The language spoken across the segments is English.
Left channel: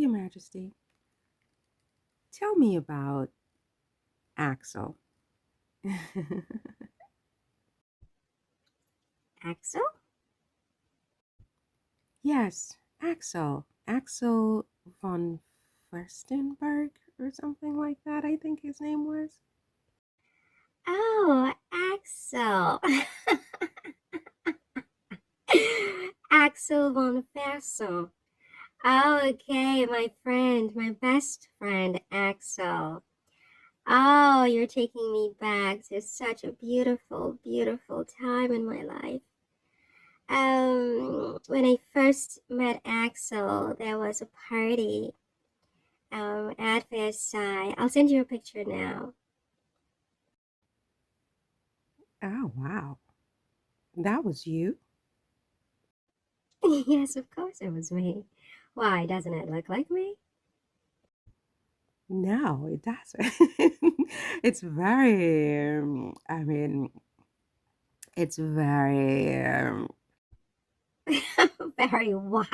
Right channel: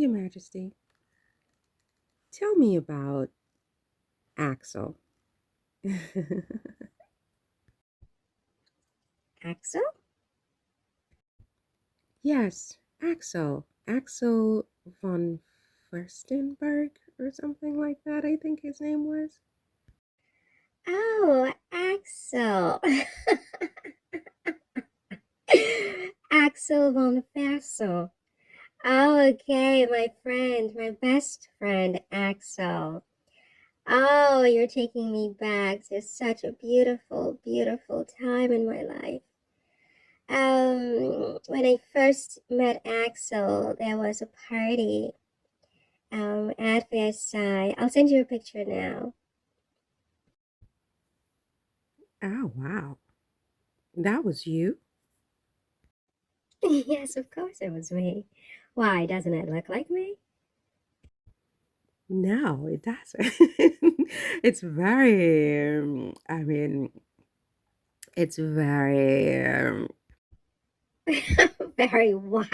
Your Majesty, tell me about Axel. Axel? Yes, Axel. Axel von Furstenberg or something like that, I think his name was. Oh, Axel. Axel Von Fersen. Oh, okay, my friend, my best friend, Axel. Oh, you're taking me back to such a beautiful, beautiful time in my life. When I first met Axel, there was a party at Versailles. I'll send you a picture now. Oh, wow. That was you? Yes, of course it was me. Why, doesn't it look like me? No, it doesn't. It's very, it's very, Very white.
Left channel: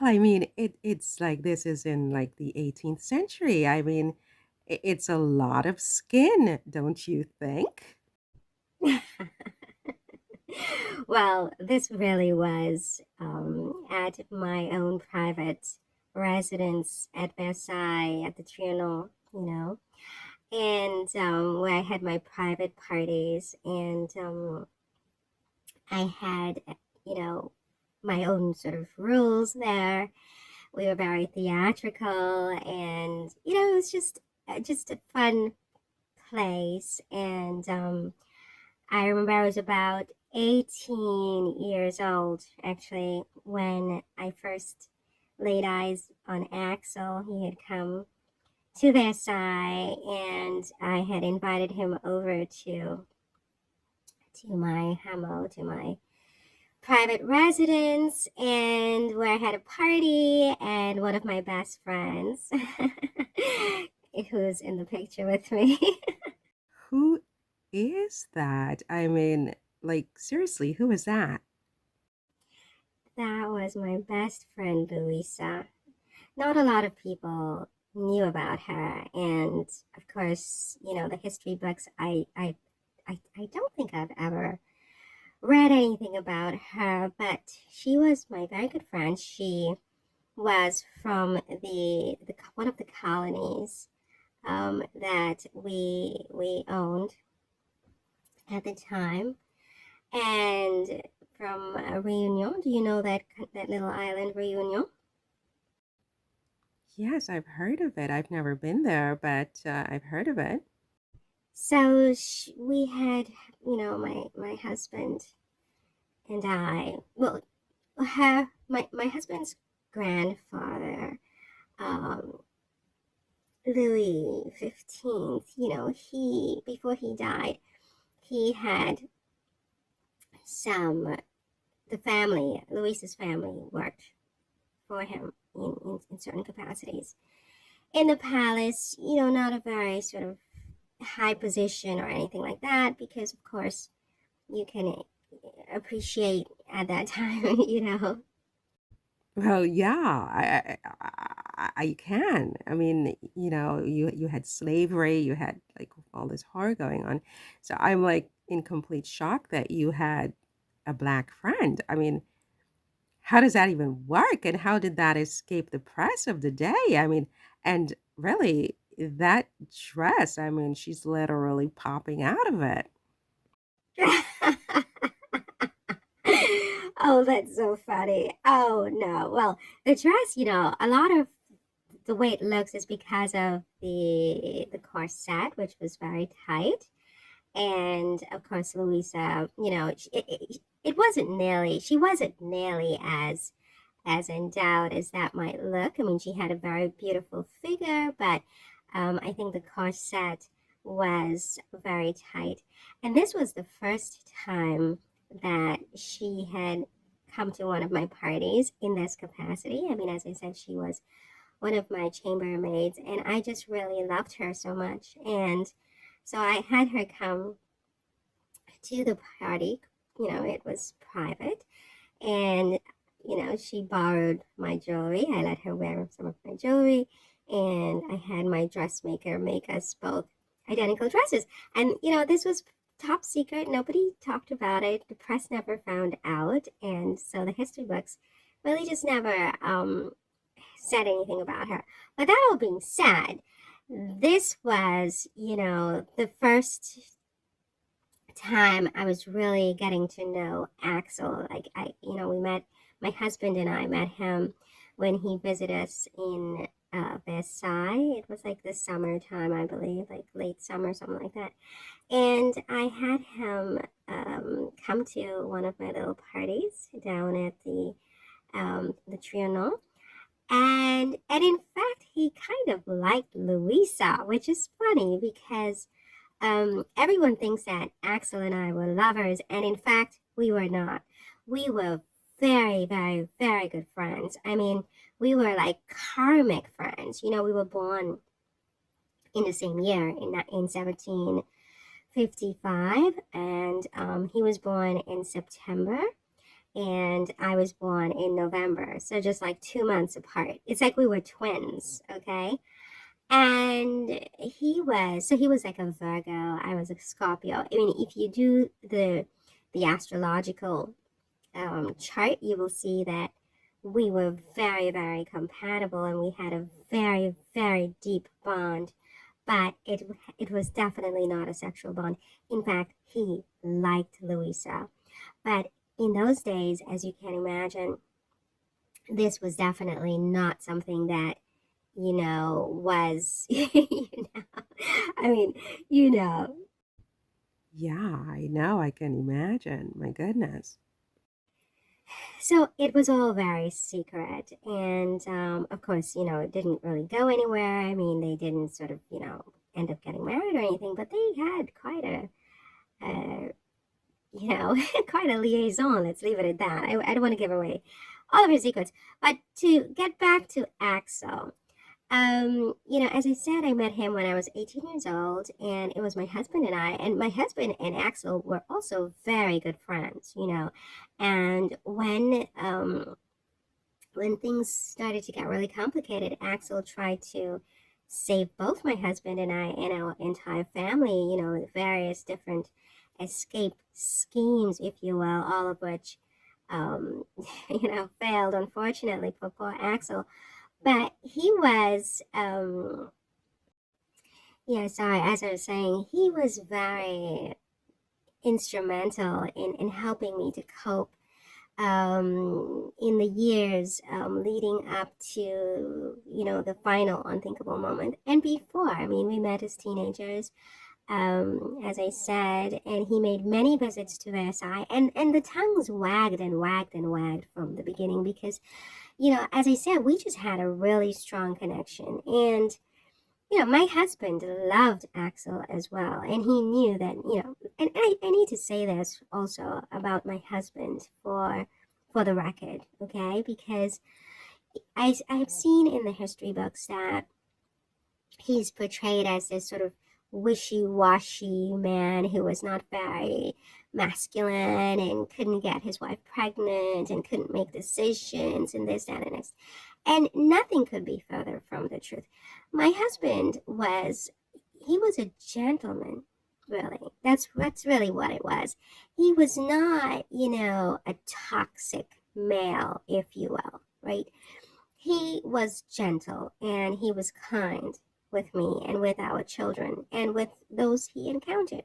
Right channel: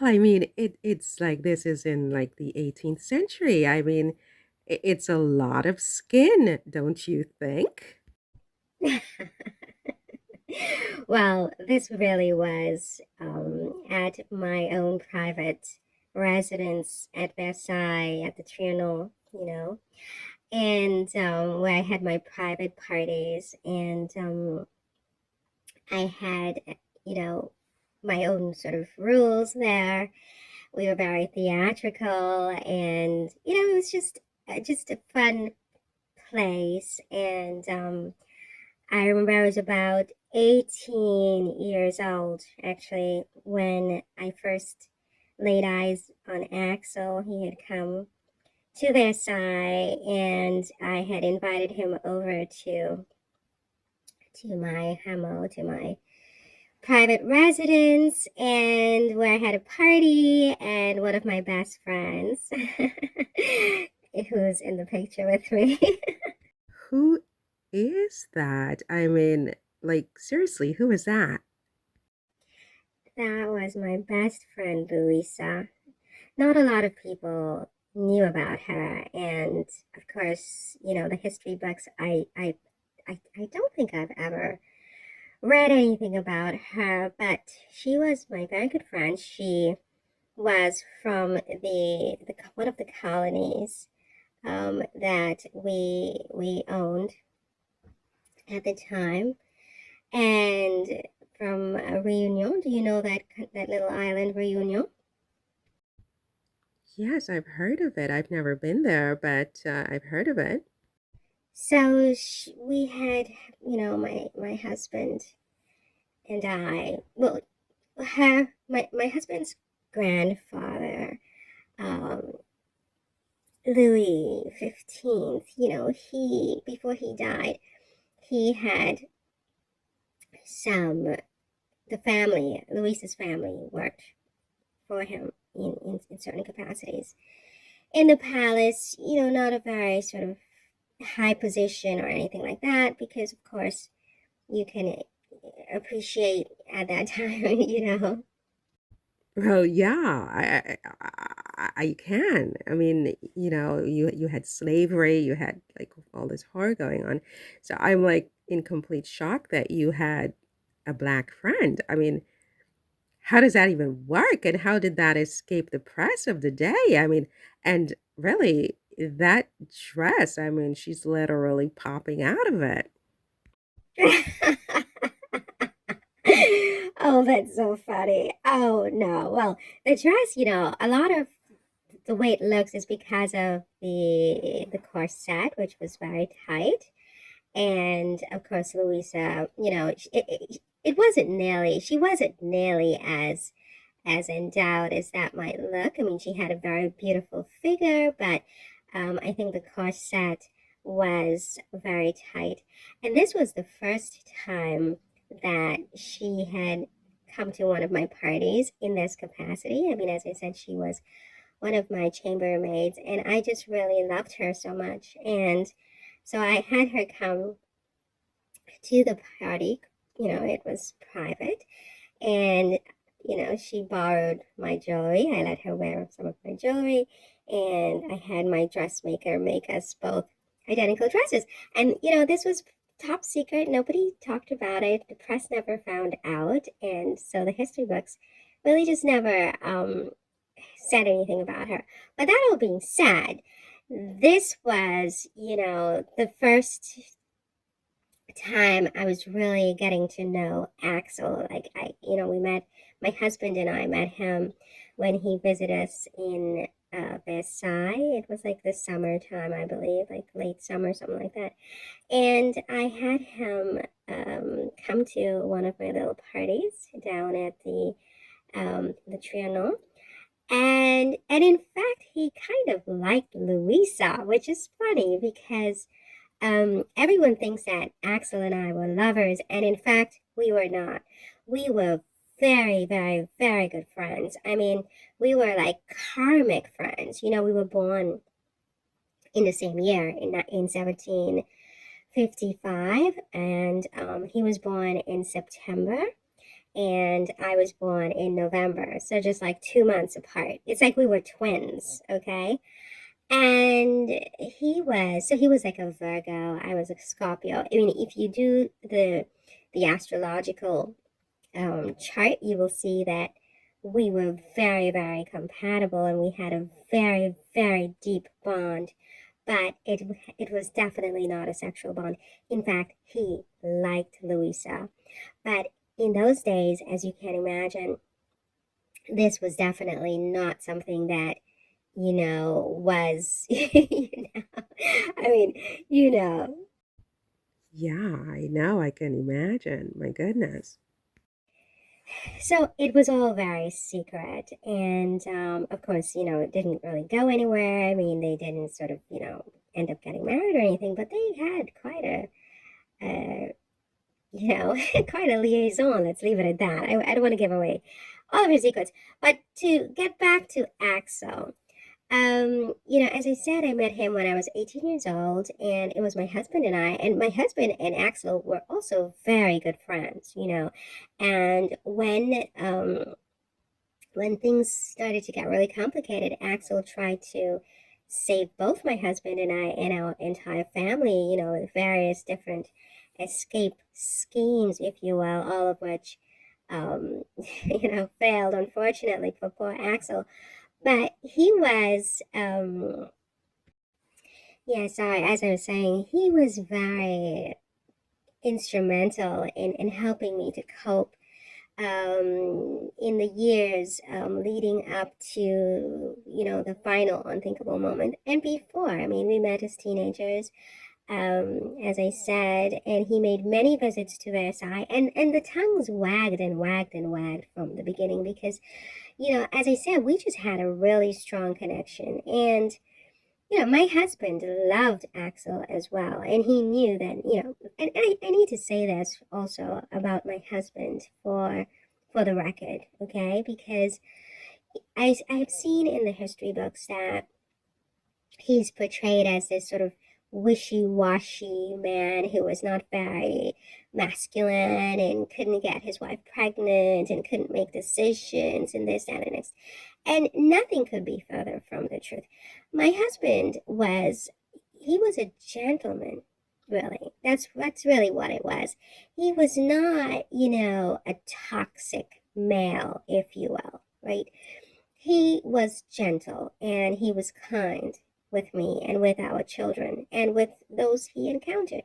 well, it's like this is in like the 18th century. It's a lot of skin, don't you think? Well, this really was at my own private residence at Versailles at the Trianon, and where I had my private parties, and I had, you know, my own sort of rules there. We were very theatrical, and it was just a fun place. And I remember I was about 18 years old actually when I first laid eyes on Axel. He had come to Versailles, and I had invited him over to my hammock, to my private residence, and where I had a party, and one of my best friends who's in the picture with me. Who is that? Like, seriously, who is that? That was my best friend Louisa. Not a lot of people knew about her, and of course, the history books. I don't think I've ever read anything about her, but she was my very good friend. She was from the one of the colonies that we owned at the time, and from Reunion. Do you know that little island, Reunion? Yes, I've heard of it. I've never been there, but I've heard of it. So we had, my husband and I. Well, my husband's grandfather, um, Louis XV. He before he died, he had some the family, Louis's family, worked for him in certain capacities in the palace. Not a very sort of high position or anything like that, because of course you can appreciate at that time, Well, yeah, I can. You had slavery, you had like all this horror going on. So I'm like in complete shock that you had a black friend. How does that even work? And how did that escape the press of the day? And really, that dress, she's literally popping out of it. Oh, that's so funny. Oh no. Well, the dress, a lot of the way it looks is because of the corset, which was very tight. And of course, Louisa, she wasn't nearly as endowed as that might look. I mean, she had a very beautiful figure, but I think the corset was very tight. And this was the first time that she had come to one of my parties in this capacity. I mean, as I said, she was one of my chambermaids, and I just really loved her so much. And so I had her come to the party. It was private, and she borrowed my jewelry. I let her wear some of my jewelry, and I had my dressmaker make us both identical dresses. And, this was top secret. Nobody talked about it. The press never found out. And so the history books really just never said anything about her. But that all being said, this was, the first time I was really getting to know Axel. Like we met, my husband and I met him when he visited us in Versailles. It was like the summertime, I believe, like late summer, something like that. And I had him come to one of my little parties down at the Trianon. And in fact, he kind of liked Louisa, which is funny because everyone thinks that Axel and I were lovers, and in fact, we were not. We were very, very, very good friends. I mean, we were like karmic friends. We were born in the same year in 1755, and he was born in September, and I was born in November. So just like 2 months apart. It's like we were twins, okay? And he was like a Virgo. I was a Scorpio. I mean, if you do the astrological chart, you will see that we were very, very compatible, and we had a very, very deep bond. But it was definitely not a sexual bond. In fact, he liked Louisa. But in those days, as you can imagine, this was definitely not something that was, I mean, you know. Yeah, I know, I can imagine. My goodness. So it was all very secret. And of course, it didn't really go anywhere. I mean, they didn't sort of, end up getting married or anything, but they had quite uh, quite a liaison. Let's leave it at that. I don't want to give away all of his secrets. But to get back to Axel, as I said, I met him when I was 18 years old, and it was my husband and I, and my husband and Axel were also very good friends. And when things started to get really complicated, Axel tried to save both my husband and I and our entire family, with various different escape schemes, if you will, all of which, um, failed, unfortunately, for poor Axel. But he was, yeah, sorry, as I was saying, he was very instrumental in helping me to cope in the years leading up to, the final unthinkable moment. And before, I mean, we met as teenagers, as I said, and he made many visits to Versailles, and the tongues wagged and wagged and wagged from the beginning because as I said, we just had a really strong connection. And, my husband loved Axel as well. And he knew that, and I need to say this also about my husband for the record, okay? Because I have seen in the history books that he's portrayed as this sort of wishy-washy man who was not very masculine and couldn't get his wife pregnant and couldn't make decisions and this, that, and this. And nothing could be further from the truth. My husband he was a gentleman, really. That's really what it was. He was not, a toxic male, if you will, right? He was gentle and he was kind with me and with our children and with those he encountered.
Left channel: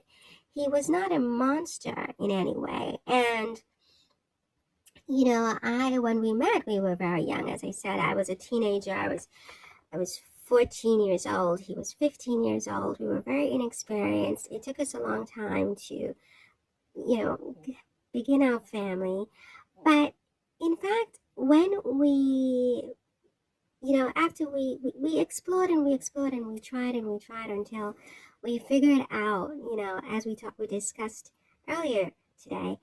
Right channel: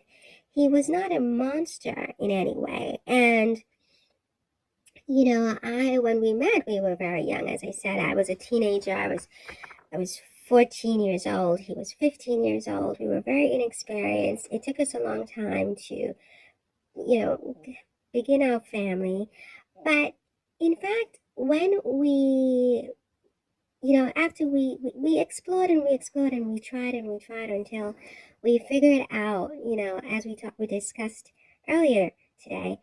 He was not a monster in any way. And when we met, we were very young. As I said, I was a teenager. I was 14 years old. He was 15 years old. We were very inexperienced. It took us a long time to, begin our family. But in fact, when after we explored and we explored and we tried until we figured out, as we discussed earlier today,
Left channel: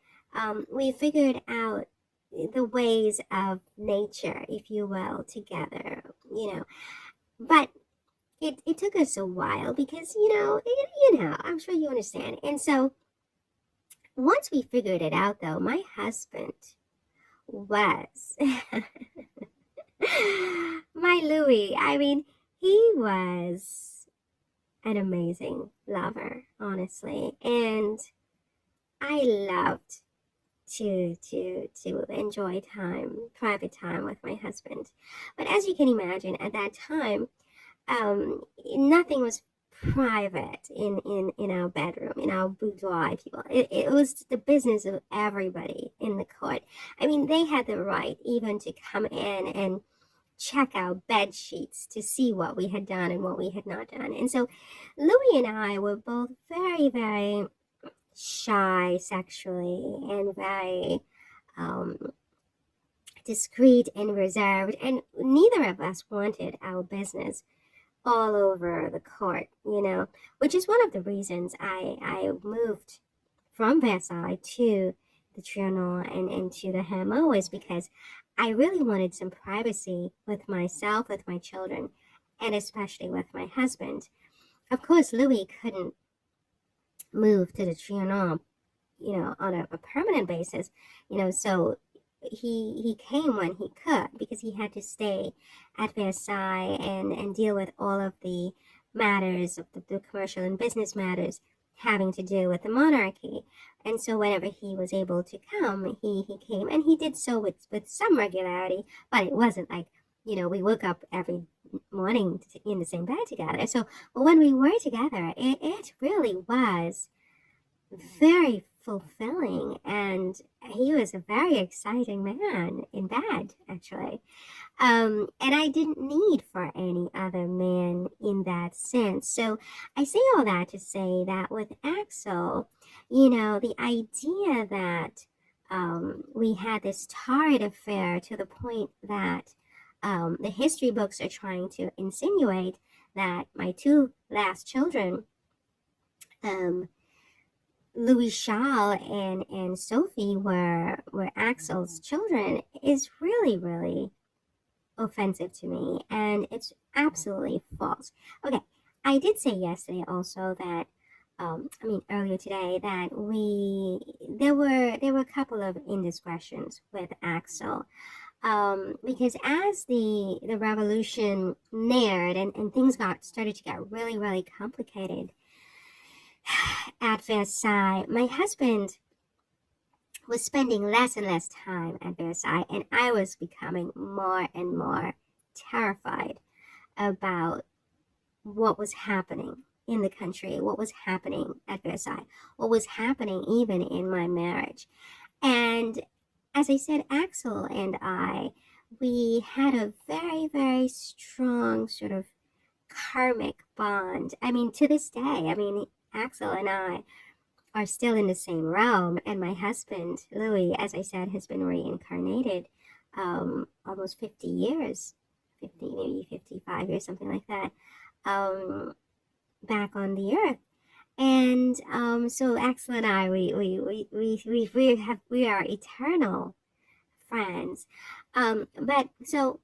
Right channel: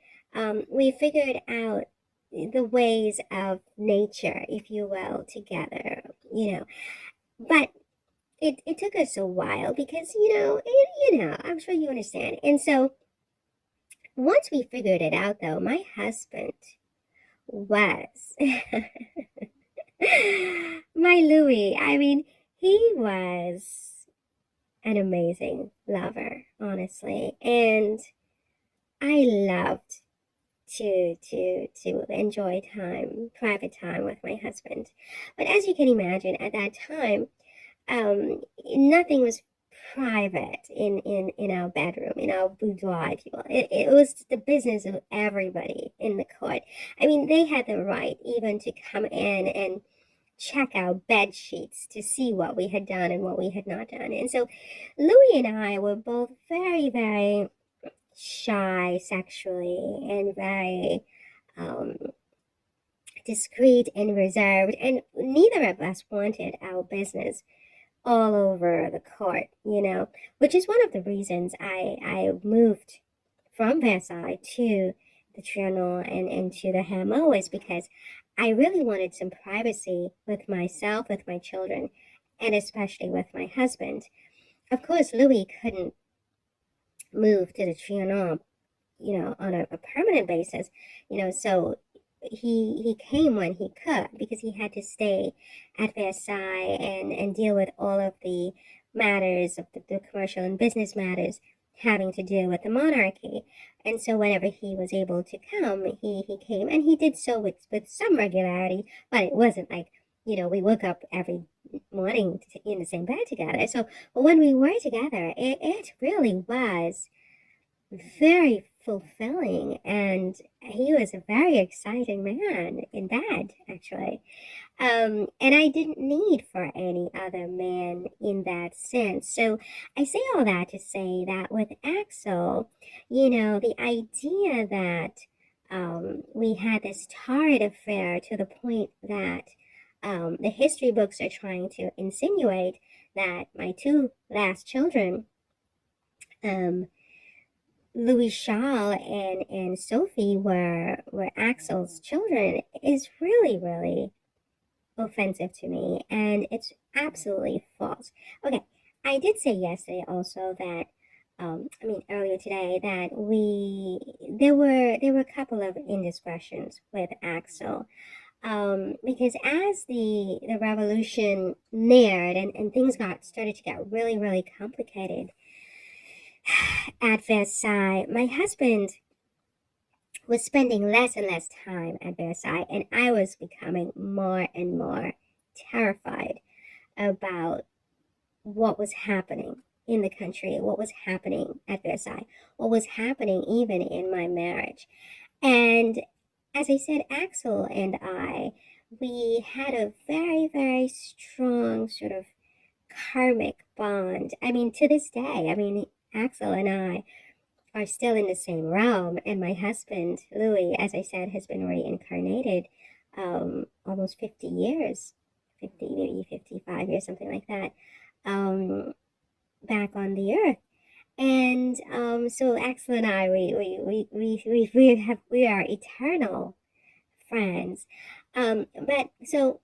we figured out the ways of nature, if you will, together. But it took us a while because, I'm sure you understand. And so once we figured it out, though, my husband was my Louis. I mean, he was an amazing lover, honestly, and I loved to enjoy time, private time with my husband. But as you can imagine, at that time, nothing was private in our bedroom, in our boudoir, if you will. It was the business of everybody in the court. I mean, they had the right even to come in and check our bed sheets to see what we had done and what we had not done. And so Louis and I were both very, very shy sexually and very um, discreet and reserved, and neither of us wanted our business all over the court, which is one of the reasons I moved from Versailles to the Trianon and to the Hameau, is because I really wanted some privacy with myself, with my children, and especially with my husband. Of course, Louis couldn't move to the Trianon, on a permanent basis, so he came when he could, because he had to stay at Versailles and deal with all of the matters of the commercial and business matters having to do with the monarchy. And so whenever he was able to come, he came, and he did so with some regularity, but it wasn't like, we woke up every morning in the same bed together. So, but when we were together, it really was very fulfilling, and he was a very exciting man in bed, actually. And I didn't need for any other man in that sense. So I say all that to say that with Axel, the idea that we had this torrid affair, to the point that the history books are trying to insinuate that my two last children, um, Louis Charles and Sophie, were Axel's children, is really, really offensive to me, and it's absolutely false. Okay, I did say yesterday also that, I mean earlier today, that there were a couple of indiscretions with Axel, because as the revolution neared, and things started to get really, really complicated at Versailles, my husband was spending less and less time at Versailles, and I was becoming more and more terrified about what was happening in the country, what was happening at Versailles, what was happening even in my marriage. And as I said, Axel and I, we had a very, very strong sort of karmic bond. I mean, to this day, I mean, Axel and I are still in the same realm. And my husband, Louis, as I said, has been reincarnated almost 50 years, 50, maybe 55 years, something like that, um, back on the earth. And so Axel and I, we are eternal friends. But so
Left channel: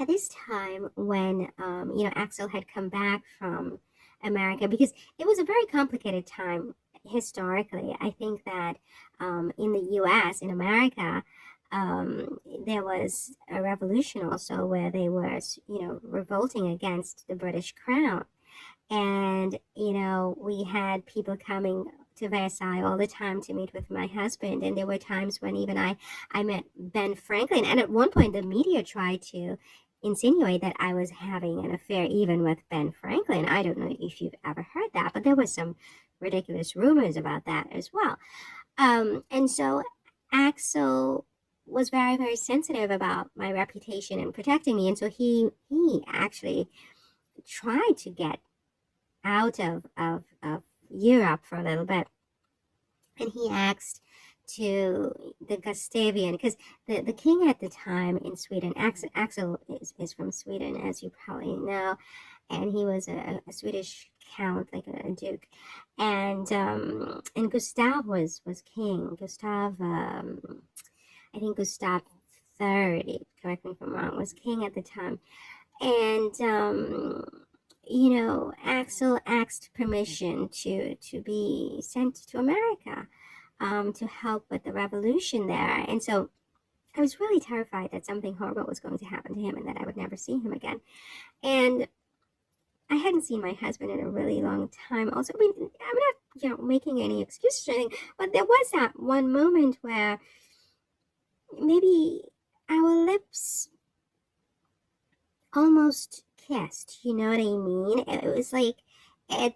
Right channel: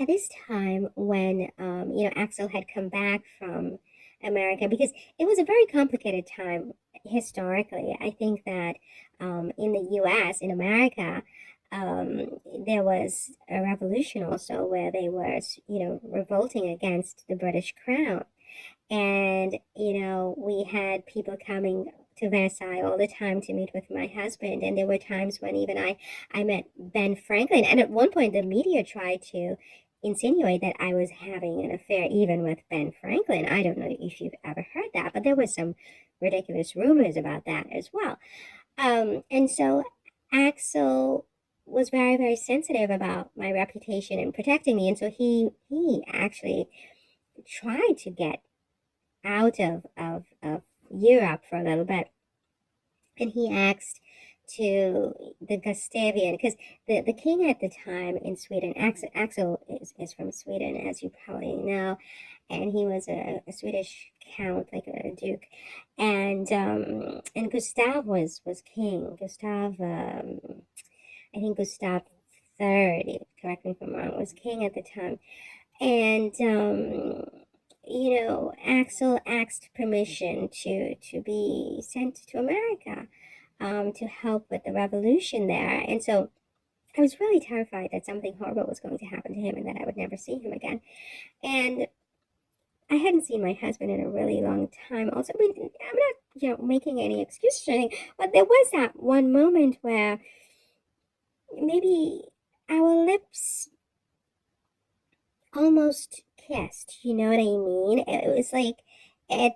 at this time when, Axel had come back from America, because it was a very complicated time historically. I think that in the US, in America, there was a revolution also, where they were, revolting against the British crown. And, we had people coming to Versailles all the time to meet with my husband. And there were times when even I met Ben Franklin. And at one point, the media tried to insinuate that I was having an affair even with Ben Franklin. I don't know if you've ever heard that, but there was some ridiculous rumors about that as well. And so Axel was very, very sensitive about my reputation and protecting me. And so he actually tried to get out of Europe for a little bit. And he asked to the Gustavian, because the king at the time in Sweden, Axel is from Sweden, as you probably know, and he was a Swedish count, like a duke, and Gustav was king. Gustav, I think Gustav III, correct me if I'm wrong, was king at the time. And Axel asked permission to be sent to America, to help with the revolution there. And so I was really terrified that something horrible was going to happen to him and that I would never see him again. And I hadn't seen my husband in a really long time. Also, I mean, I'm not, making any excuses or anything, but there was that one moment where maybe our lips almost kissed. You know what I mean? It was like it.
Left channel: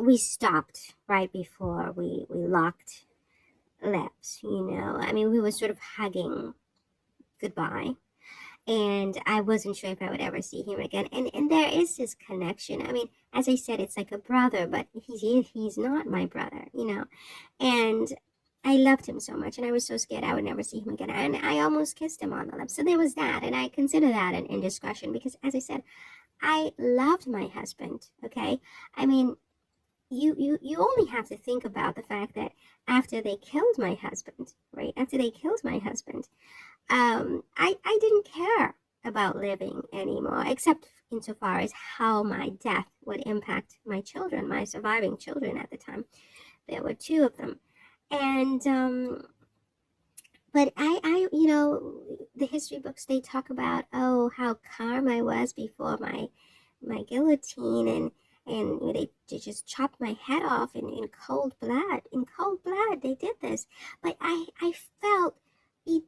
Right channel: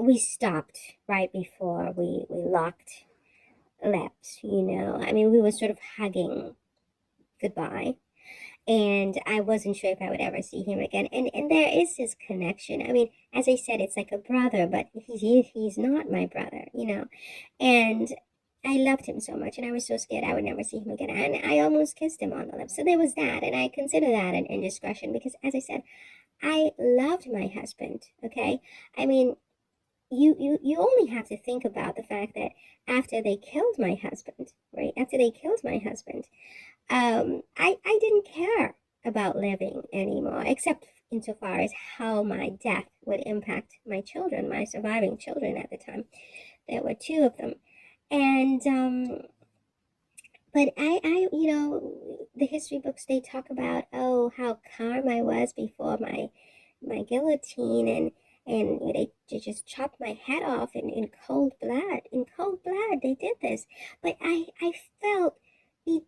We stopped right before we locked lips. I mean, we were sort of hugging goodbye, and I wasn't sure if I would ever see him again. And there is this connection. I mean, as I said, it's like a brother, but he's not my brother. And I loved him so much, and I was so scared I would never see him again. And I almost kissed him on the lips. So there was that, and I consider that an indiscretion because, as I said, I loved my husband. Okay, I mean, you only have to think about the fact that after they killed my husband, right? After they killed my husband, I didn't care about living anymore, except insofar as how my death would impact my children, my surviving children at the time. There were two of them. And, but the history books, they talk about, oh, how calm I was before my guillotine, and they just chopped my head off in cold blood. In cold blood, they did this. But I felt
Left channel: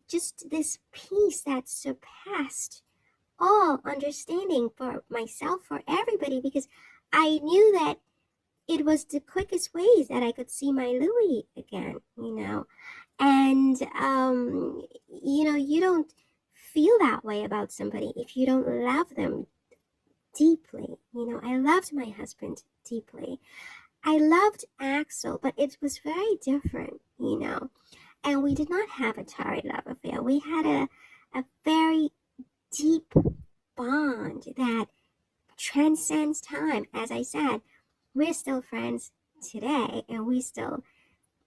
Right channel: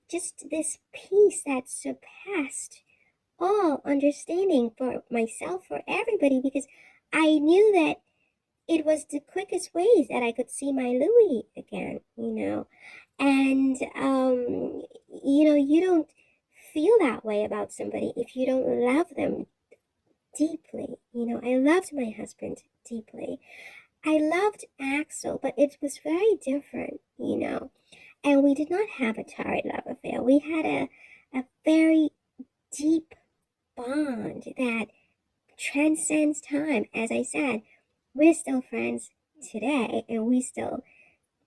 just this peace that surpassed all understanding for myself, for everybody, because I knew that it was the quickest ways that I could see my Louis again. And, you don't feel that way about somebody if you don't love them deeply. I loved my husband deeply. I loved Axel, but it was very different. And we did not have a torrid love affair. We had a very deep bond that transcends time. As I said, we're still friends today, and we still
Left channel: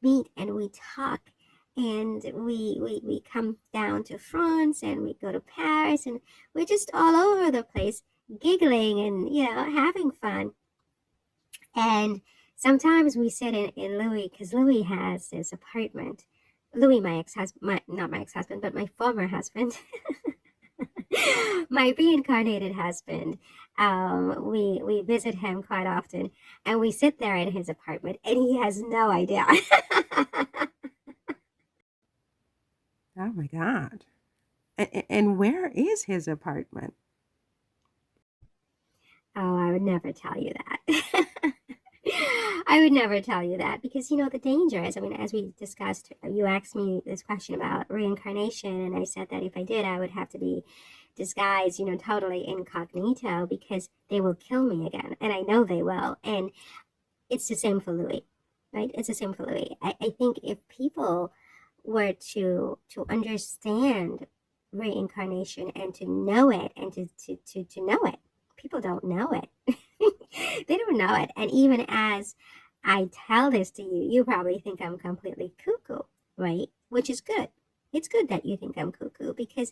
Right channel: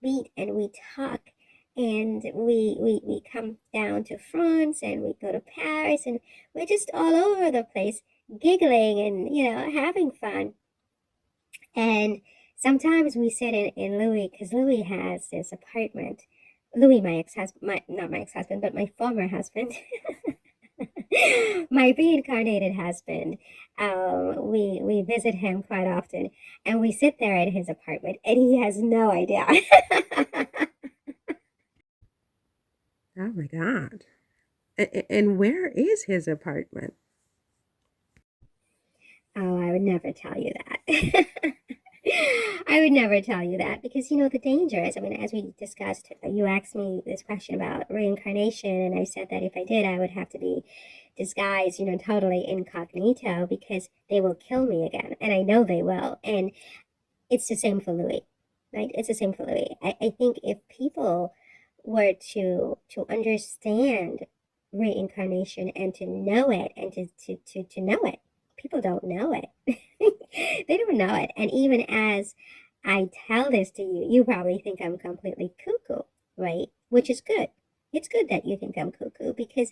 meet and we talk, and we come down to France, and we go to Paris, and we're just all over the place giggling and having fun. And sometimes we sit in Louis, because Louis has this apartment. Louis, my ex-husband, not my ex-husband, but my former husband, my reincarnated husband. We visit him quite often, and we sit there in his apartment, and he has no idea. Oh my God. And where is his apartment? Oh, I would never tell you that. I would never tell you that because the danger is, I mean, as we discussed, you asked me this question about reincarnation, and I said that if I did, I would have to be disguised, totally incognito because they will kill me again, and I know they will. And it's the same for Louis, right? It's the same for Louis. I think if people were to understand reincarnation and to know it and to know it, people don't know it. They don't know it. And even as I tell this to you, you probably think I'm completely cuckoo, right? Which is good. It's good that you think I'm cuckoo because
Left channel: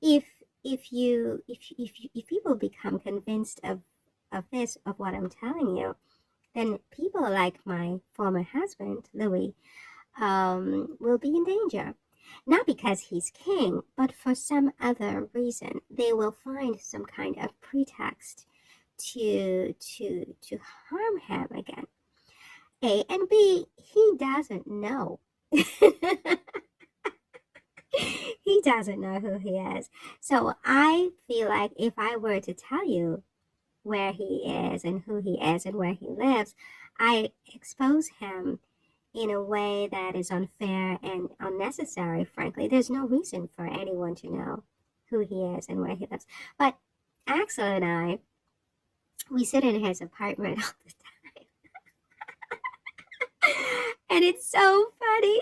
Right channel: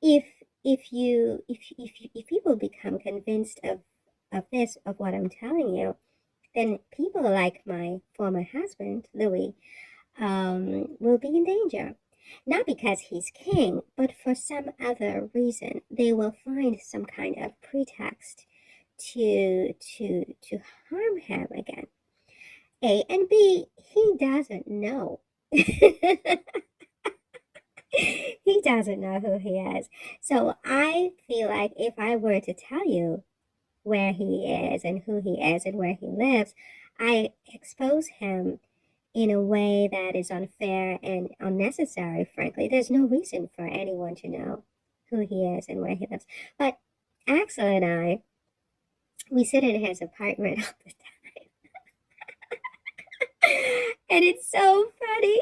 if if people become convinced of this, of what I'm telling you, then people like my former husband, Louis, will be in danger. Not because he's king, but for some other reason. They will find some kind of pretext to harm him again. A and B, he doesn't know. He doesn't know who he is. So I feel like if I were to tell you where he is and who he is and where he lives, I expose him in a way that is unfair and unnecessary, frankly. There's no reason for anyone to know who he is and where he lives. But Axel and I, we sit in his apartment all the time. And it's so funny.